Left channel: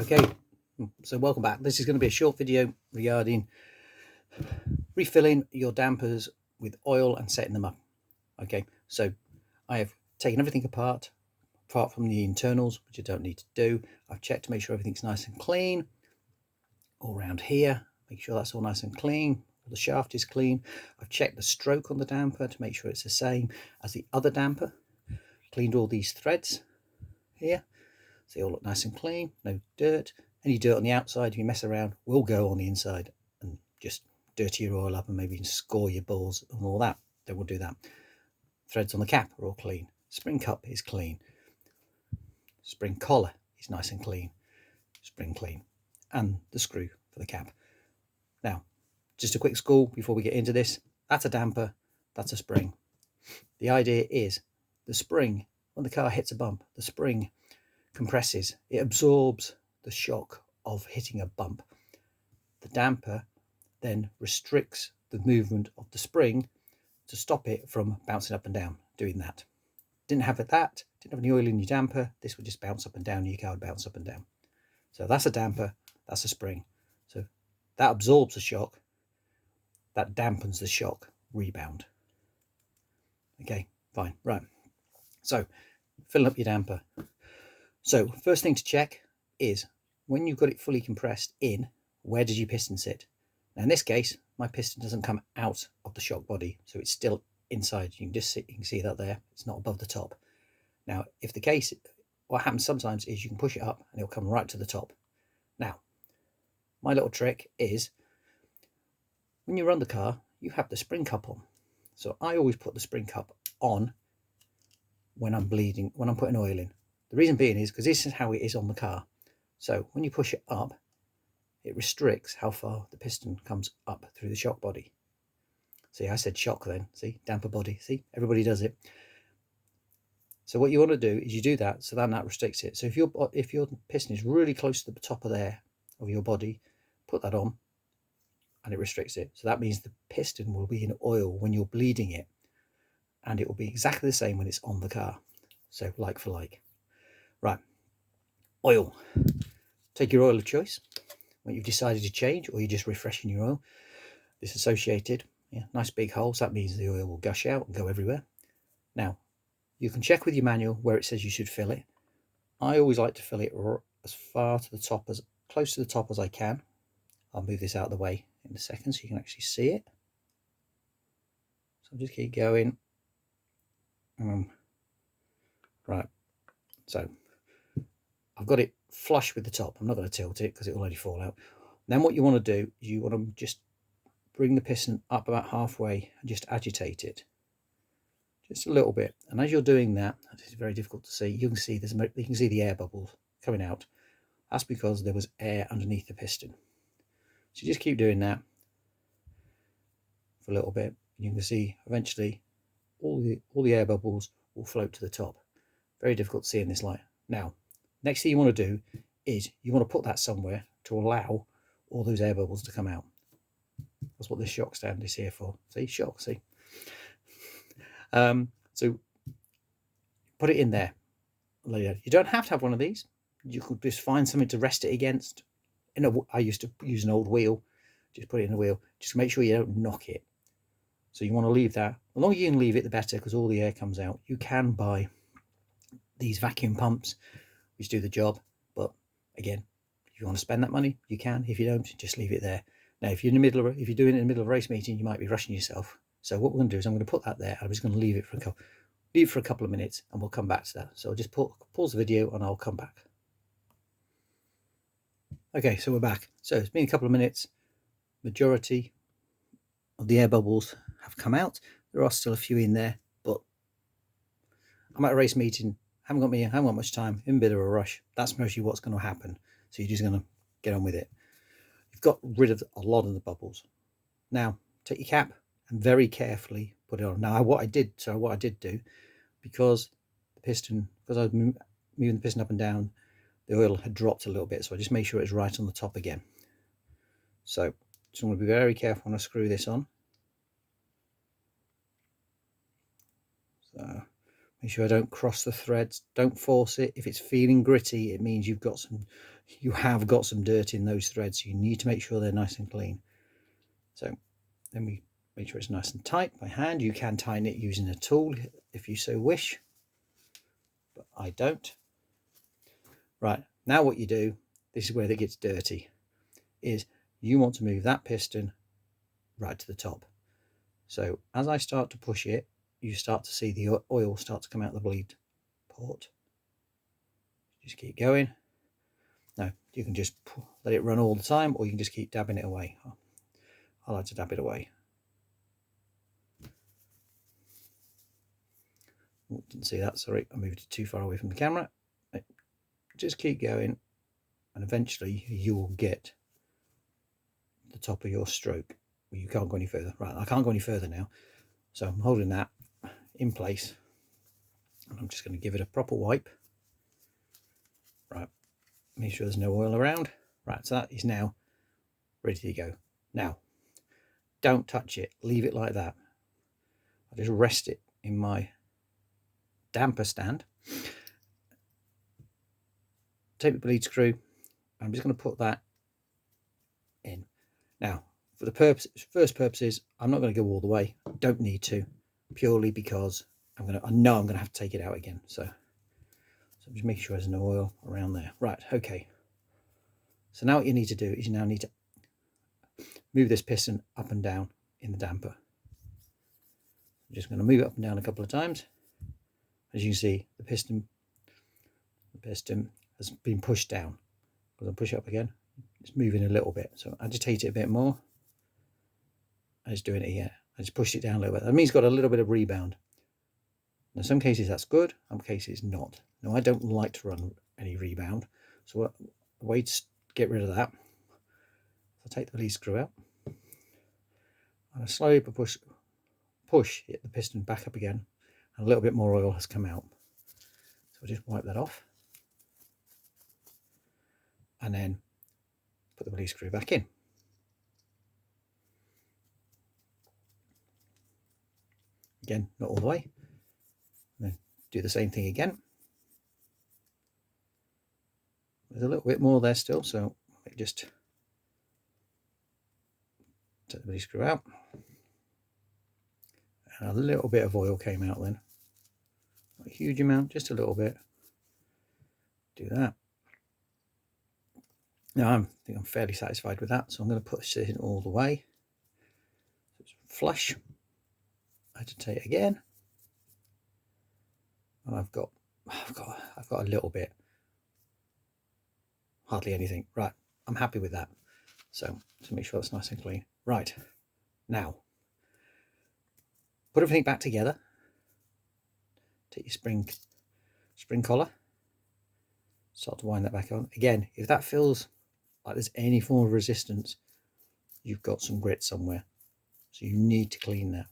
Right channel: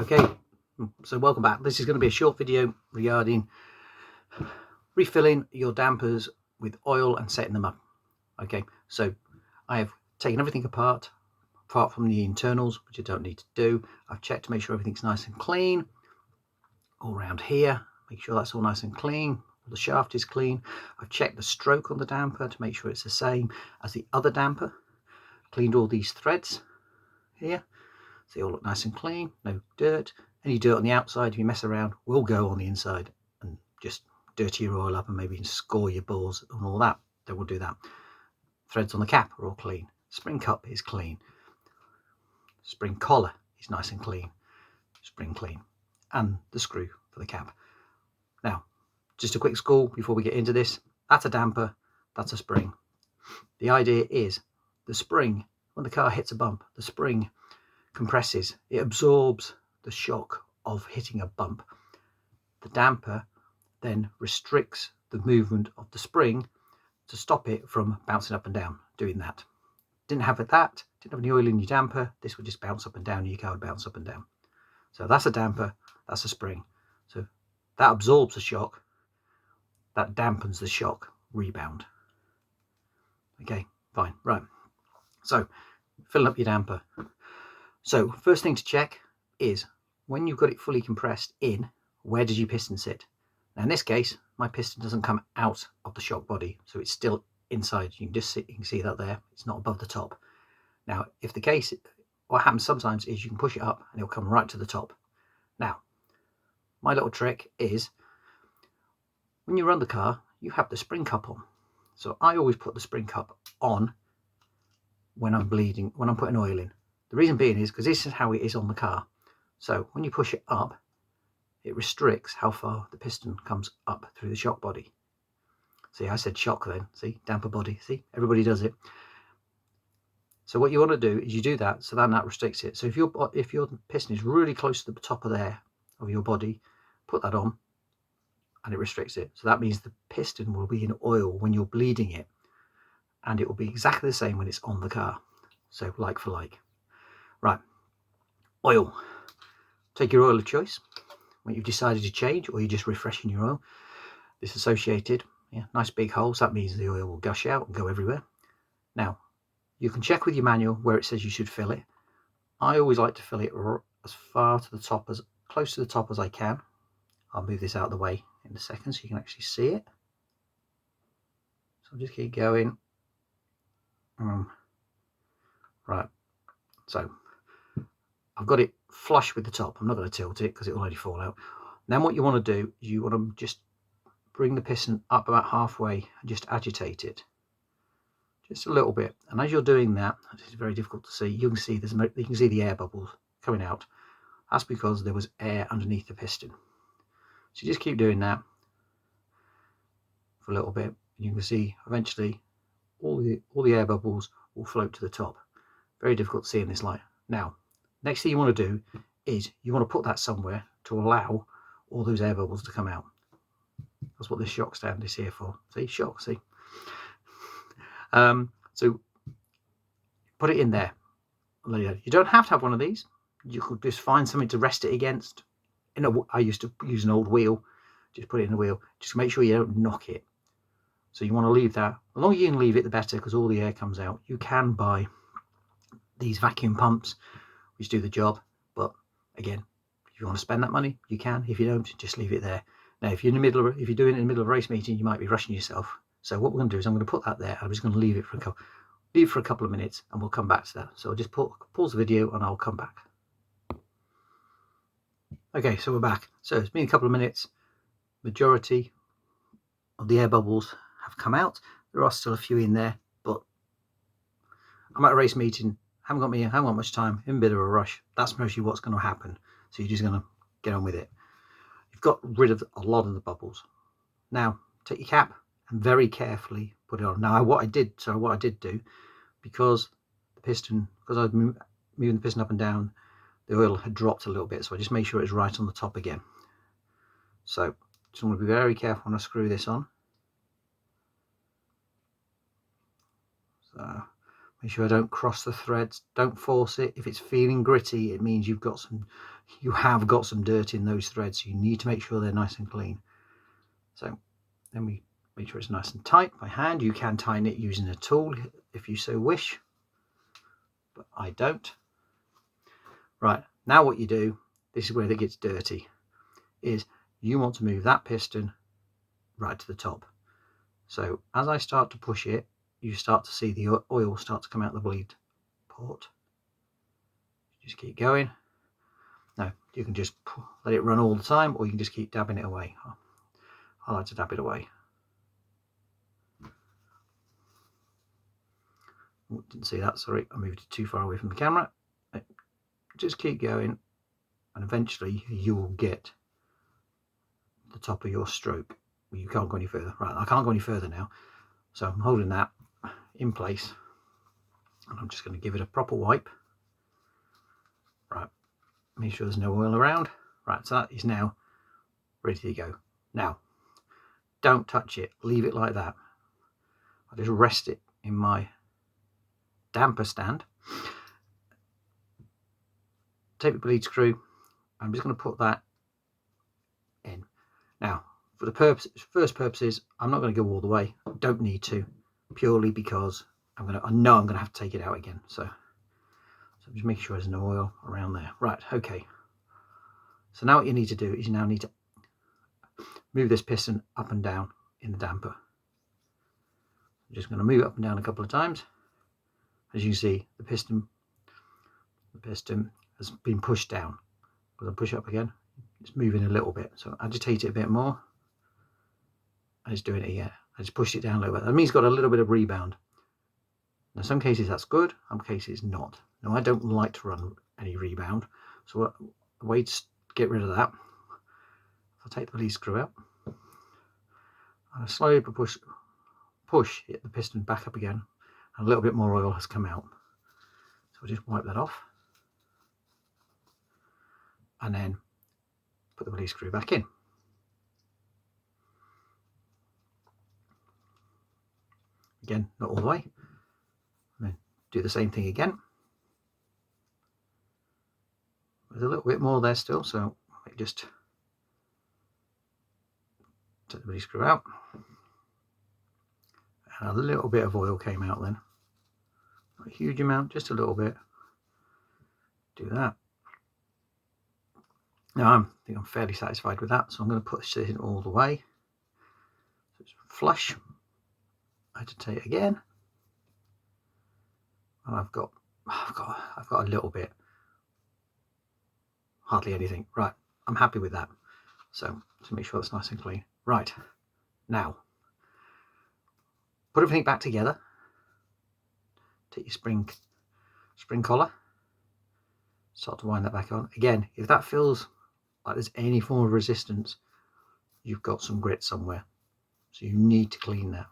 Okay, so welcome back. This is going to be a short video regarding refilling your dampers with oil and setting them up. Okay, so I have taken everything apart from the internals, which I don't need to do. I've checked to make sure everything's nice and clean all around here. Make sure that's all nice and clean. The shaft is clean. I've checked the stroke on the damper to make sure it's the same as the other damper. Cleaned all these threads here, so they all look nice and clean, no dirt. Any dirt on the outside, if you mess around, will go on the inside and just dirty your oil up and maybe score your balls and all that. They will do that. Threads on the cap are all clean. Spring cup is clean. Spring collar is nice and clean. Spring clean. And the screw for the cap. Now, just a quick school before we get into this. That's a damper, that's a spring. The idea is the spring, when the car hits a bump, the spring compresses, it absorbs the shock of hitting a bump. The damper then restricts the movement of the spring to stop it from bouncing up and down, doing that. Didn't have any oil in your damper, this would just bounce up and down, your car would bounce up and down. So that's a damper, that's a spring. So that absorbs the shock, that dampens the shock rebound. Okay, fine, right. So filling up your damper. So first thing to check is when you've got it fully compressed in, where did your piston sit? Now in this case, my piston doesn't come out of the shock body, so it's still inside. You can see that there, it's not above the top. Now, if the case, what happens sometimes is you can push it up and it'll come right to the top. Now, my little trick is when you run the car, you have the spring cup on. So I always put the spring cup on when I'm putting oil in. The reason being is because this is how it is on the car. So when you push it up, it restricts how far the piston comes up through the shock body. See, I said shock then. See, damper body. See, everybody does it. So what you want to do is you do that, so then that restricts it. So if your piston is really close to the top of your body, put that on, and it restricts it. So that means the piston will be in oil when you're bleeding it, and it will be exactly the same when it's on the car. So like for like. Right, oil. Take your oil of choice when you've decided to change, or you're just refreshing your oil. This associated, nice big holes. That means the oil will gush out and go everywhere. Now, you can check with your manual where it says you should fill it. I always like to fill it as far to the top, as close to the top as I can. I'll move this out of the way in a second so you can actually see it. So I'll just keep going. Right, so I've got it flush with the top. I'm not going to tilt it because it will only fall out. Then what you want to do is you want to just bring the piston up about halfway and just agitate it just a little bit. And as you're doing that, it's very difficult to see. You can see the air bubbles coming out. That's because there was air underneath the piston. So you just keep doing that for a little bit. You can see eventually all the air bubbles will float to the top. Very difficult to see in this light. Now, next thing you want to do is you want to put that somewhere to allow all those air bubbles to come out. That's what this shock stand is here for. See, shock, see? So put it in there. You don't have to have one of these. You could just find something to rest it against. I used to use an old wheel. Just put it in the wheel. Just make sure you don't knock it. So you want to leave that. The longer you can leave it, the better, because all the air comes out. You can buy these vacuum pumps which do the job, but again, if you want to spend that money, you can. If you don't, just leave it there. Now, if you're doing it in the middle of a race meeting, you might be rushing yourself. So what we're going to do is I'm going to put that there. I'm just going to leave it for a couple of minutes, and we'll come back to that. So I'll just pause the video and I'll come back. Okay, so we're back. So it's been a couple of minutes. Majority of the air bubbles have come out. There are still a few in there, but I'm at a race meeting. Haven't got much time, in a bit of a rush. That's mostly what's going to happen. So you're just going to get on with it. You've got rid of a lot of the bubbles. Now, take your cap and very carefully put it on. Now, what I did do, because I was moving the piston up and down, the oil had dropped a little bit, so I just made sure it was right on the top again. So just want to be very careful when I screw this on. So Make sure I don't cross the threads. Don't force it. If it's feeling gritty, it means you have got some dirt in those threads. So you need to make sure they're nice and clean. So then we make sure it's nice and tight by hand. You can tighten it using a tool if you so wish, but I don't. Right, now what you do, this is where it gets dirty, is you want to move that piston right to the top. So as I start to push it, you start to see the oil start to come out the bleed port. Just keep going. Now you can just let it run all the time, or you can just keep dabbing it away. I like to dab it away. Oh, didn't see that, sorry, I moved it too far away from the camera. Just keep going, and eventually you will get the top of your stroke. You can't go any further. Right, I can't go any further now, so I'm holding that in place, and I'm just going to give it a proper wipe. Right, make sure there's no oil around. Right, so that is now ready to go. Now, don't touch it, leave it like that. I just rest it in my damper stand. Take the bleed screw. I'm just going to put that in. Now, for the first purposes, I'm not going to go all the way. Don't need to, purely because I know I'm going to have to take it out again. So just make sure there's no oil around there. Right, okay. So now what you need to do is you now need to move this piston up and down in the damper. I'm just going to move it up and down a couple of times. As you can see, the piston has been pushed down. As I push it up again, it's moving a little bit. So agitate it a bit more. And it's doing it again. I just pushed it down a little bit. That means it's got a little bit of rebound. Now, in some cases that's good, some cases not. Now, I don't like to run any rebound. So the way to get rid of that, I'll take the bleed screw out. And I slowly push the piston back up again. And a little bit more oil has come out. So I'll just wipe that off. And then put the bleed screw back in. Again, not all the way. And then do the same thing again. There's a little bit more there still, so I just take the bleed screw out. And a little bit of oil came out then. Not a huge amount, just a little bit. Do that. Now I think I'm fairly satisfied with that, so I'm going to push this in all the way. So it's flush. Agitate again. And I've got a little bit. Hardly anything. Right, I'm happy with that. So to make sure it's nice and clean. Right, now put everything back together. Take your spring collar. Start to wind that back on. Again, if that feels like there's any form of resistance, you've got some grit somewhere. So you need to clean that.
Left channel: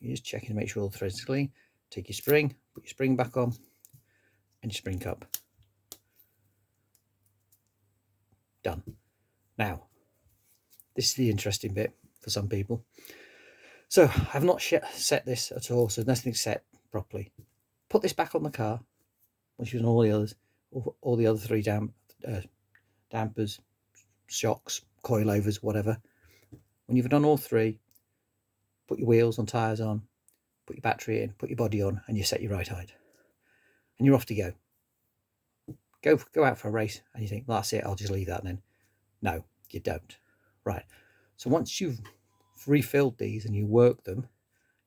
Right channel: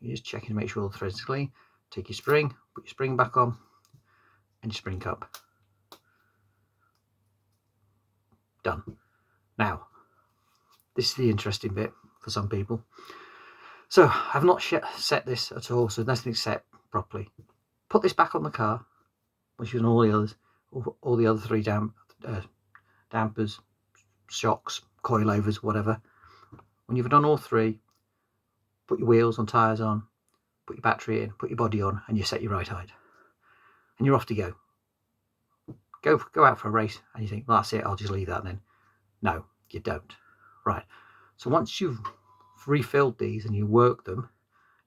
You're just checking to make sure all the threads are clean. Take your spring, put your spring back on, and your spring cup. Done. Now, this is the interesting bit for some people. So I've not set this at all, so nothing's set properly. Put this back on the car, which is all the others, all the other three dampers, shocks, coilovers, whatever. When you've done all three, put your wheels on, tyres on, put your battery in, put your body on, and you set your right height. And you're off to go. Go out for a race, and you think, well, that's it, I'll just leave that then. No, you don't. Right. So once you've refilled these and you work them,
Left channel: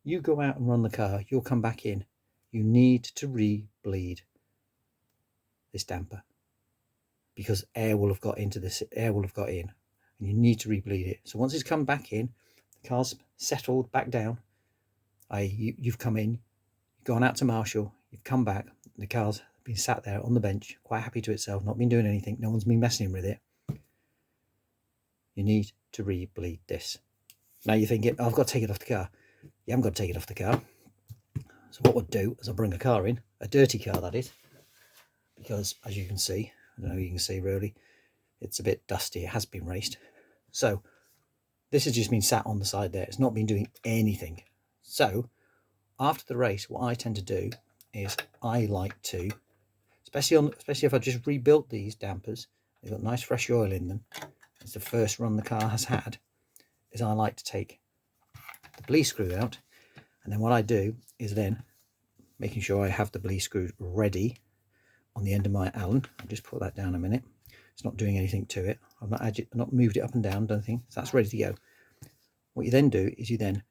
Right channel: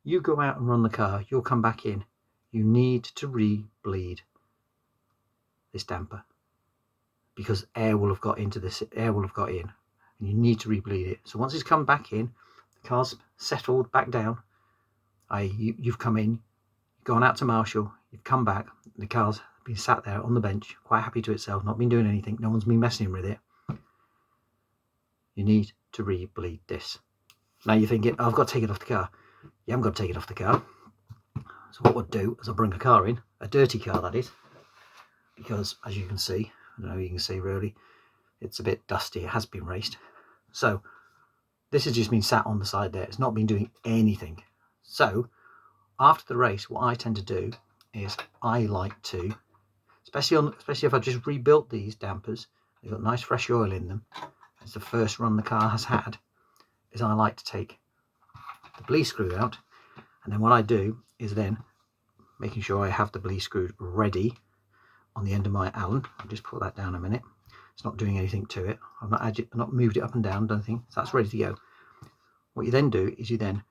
you go out and run the car, you'll come back in. You need to re-bleed this damper, because air will have got into this, air will have got in, and you need to re-bleed it. So once it's come back in, the car's settled back down, you've come in, you've gone out to Marshall, you've come back, the car's been sat there on the bench, quite happy to itself, not been doing anything, no one's been messing with it. You need to re-bleed this. Now you're thinking, oh, I've got to take it off the car. You haven't got to take it off the car. So what we'll do is I'll bring a car in, a dirty car that is, because as you can see, I don't know if you can see really, it's a bit dusty, it has been raced. So this has just been sat on the side there, it's not been doing anything. So after the race, what I tend to do is I like to, especially if I just rebuilt these dampers, they've got nice fresh oil in them. It's the first run the car has had. Is I like to take the bleed screw out, and then what I do is then making sure I have the bleed screw ready on the end of my Allen. I'll just put that down a minute. It's not doing anything to it. I've not moved it up and down, done anything. So that's ready to go. What you then do is you then,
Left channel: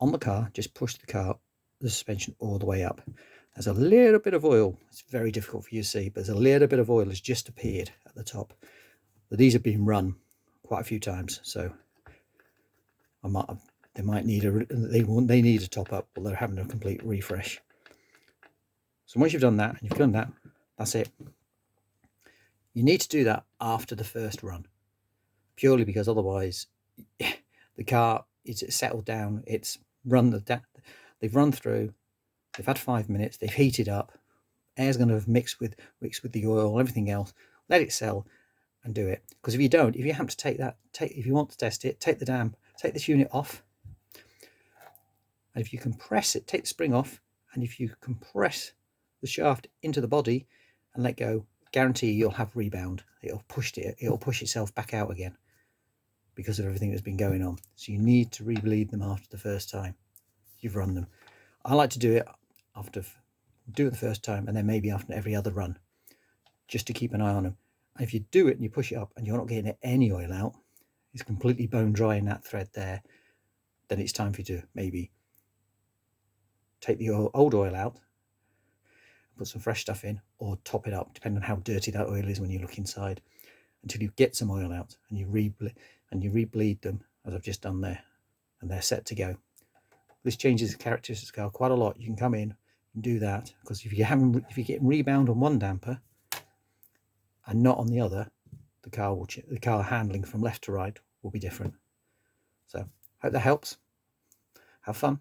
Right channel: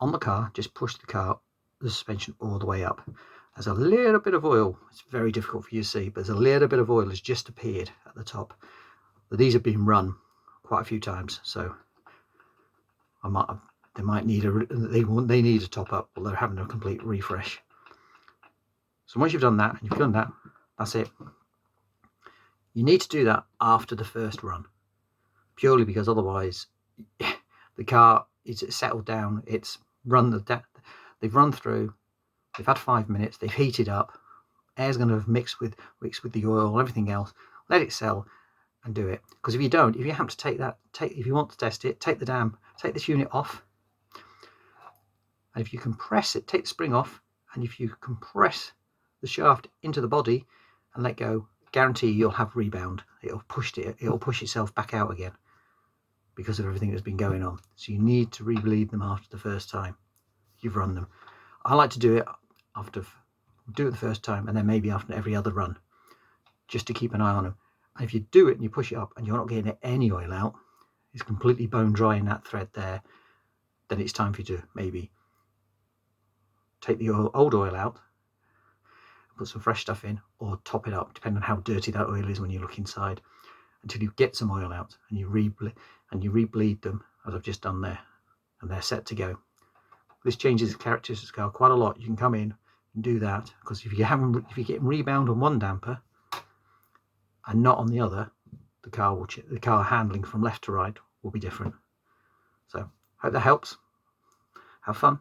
on the car, just push the suspension all the way up. There's a little bit of oil. It's very difficult for you to see, but there's a little bit of oil has just appeared at the top. But these have been run quite a few times, so they need a top up, or they're having a complete refresh. So once you've done that, and you've done that, that's it. You need to do that after the first run, purely because otherwise the car is settled down. It's run they've run through. They've had 5 minutes. They've heated up. Air's going to have mixed with the oil and everything else. Let it sell and do it. Because if you don't, if you have to if you want to test it, take this unit off. And if you compress it, take the spring off. And if you compress the shaft into the body and let go, guarantee you'll have rebound. It'll push itself back out again because of everything that's been going on. So you need to rebleed them after the first time you've run them. I like to do it the first time, and then maybe after every other run, just to keep an eye on them. And if you do it and you push it up and you're not getting any oil out, it's completely bone dry in that thread there, then it's time for you to maybe take the old oil out, put some fresh stuff in, or top it up, depending on how dirty that oil is when you look inside, until you get some oil out, and you rebleed them as I've just done there, and they're set to go. This changes the characteristics of the car quite a lot. You can come in and do that, because if you're getting rebound on one damper and not on the other, the car handling from left to right will be different. So hope that helps. Have fun.